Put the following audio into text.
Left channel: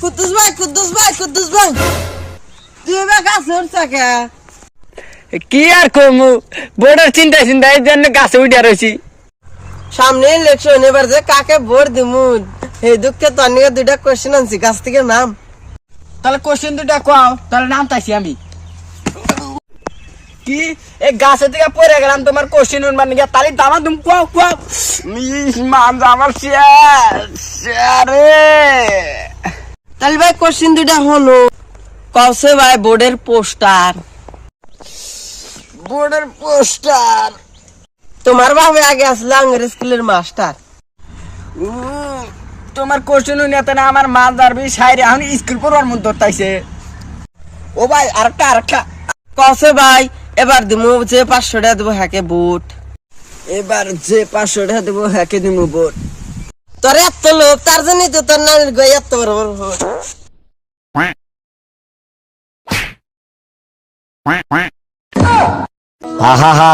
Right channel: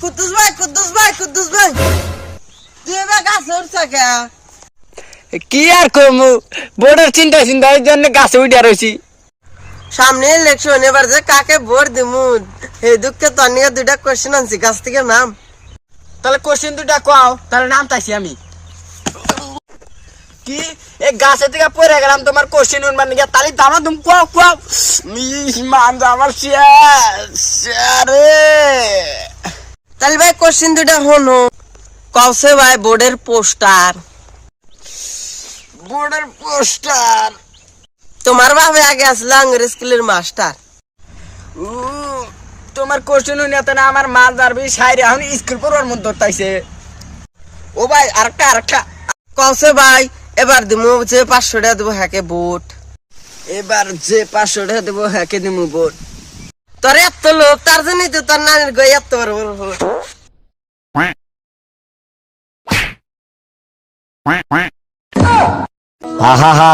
কুদ্দুস ভাই তুই এবার গাছে উঠছ কে? কি আর কমু, বোর্ডের চিন্তা এই জন্য গাছে উঠে রয়েছি। সামনে ইলেকশন, এবার যে কাকে ভোট দিমু এই দুঃখে তোর নিয়ে দুইটা কোশ্চেন আনছি, গাছ থেকে নাম। তাহলে কোশ্চেন দুটা কও, তাহলে নাম তাইছি আমি। কি এই গাছে থেকে পড়ে গেলাম, তোমার কোশ্চেন উঠবার নাকি? তাহলে দামা তুমি কও কও। মান আমার রে। তাহলে ভাই কোশ্চেন দুটা হলো, কওছে ভাই বোর্ডের পোস্টার। বোর্ডের পোস্টার? তোমার ভাবে আগে আসলে আঙ্গুর স্কুলের মাস্টার। তোমার কোশ্চেন উঠে না আমার মা দাঁড়বি সাইরে এখন স্কুল পড়বার মন ধরতাইছে। ও ভাই আরেকটা কওছে ভাই এবার দিমু যে 500 টাকা দেবো হ্যাকে ভোট। এবার যে 500 টাকা দেবো হ্যাকে দিমু ভোট। তোর এত লোক, তার জন্যই তো তোর নানির গই এত বড় বড় ভোট। হা হা হা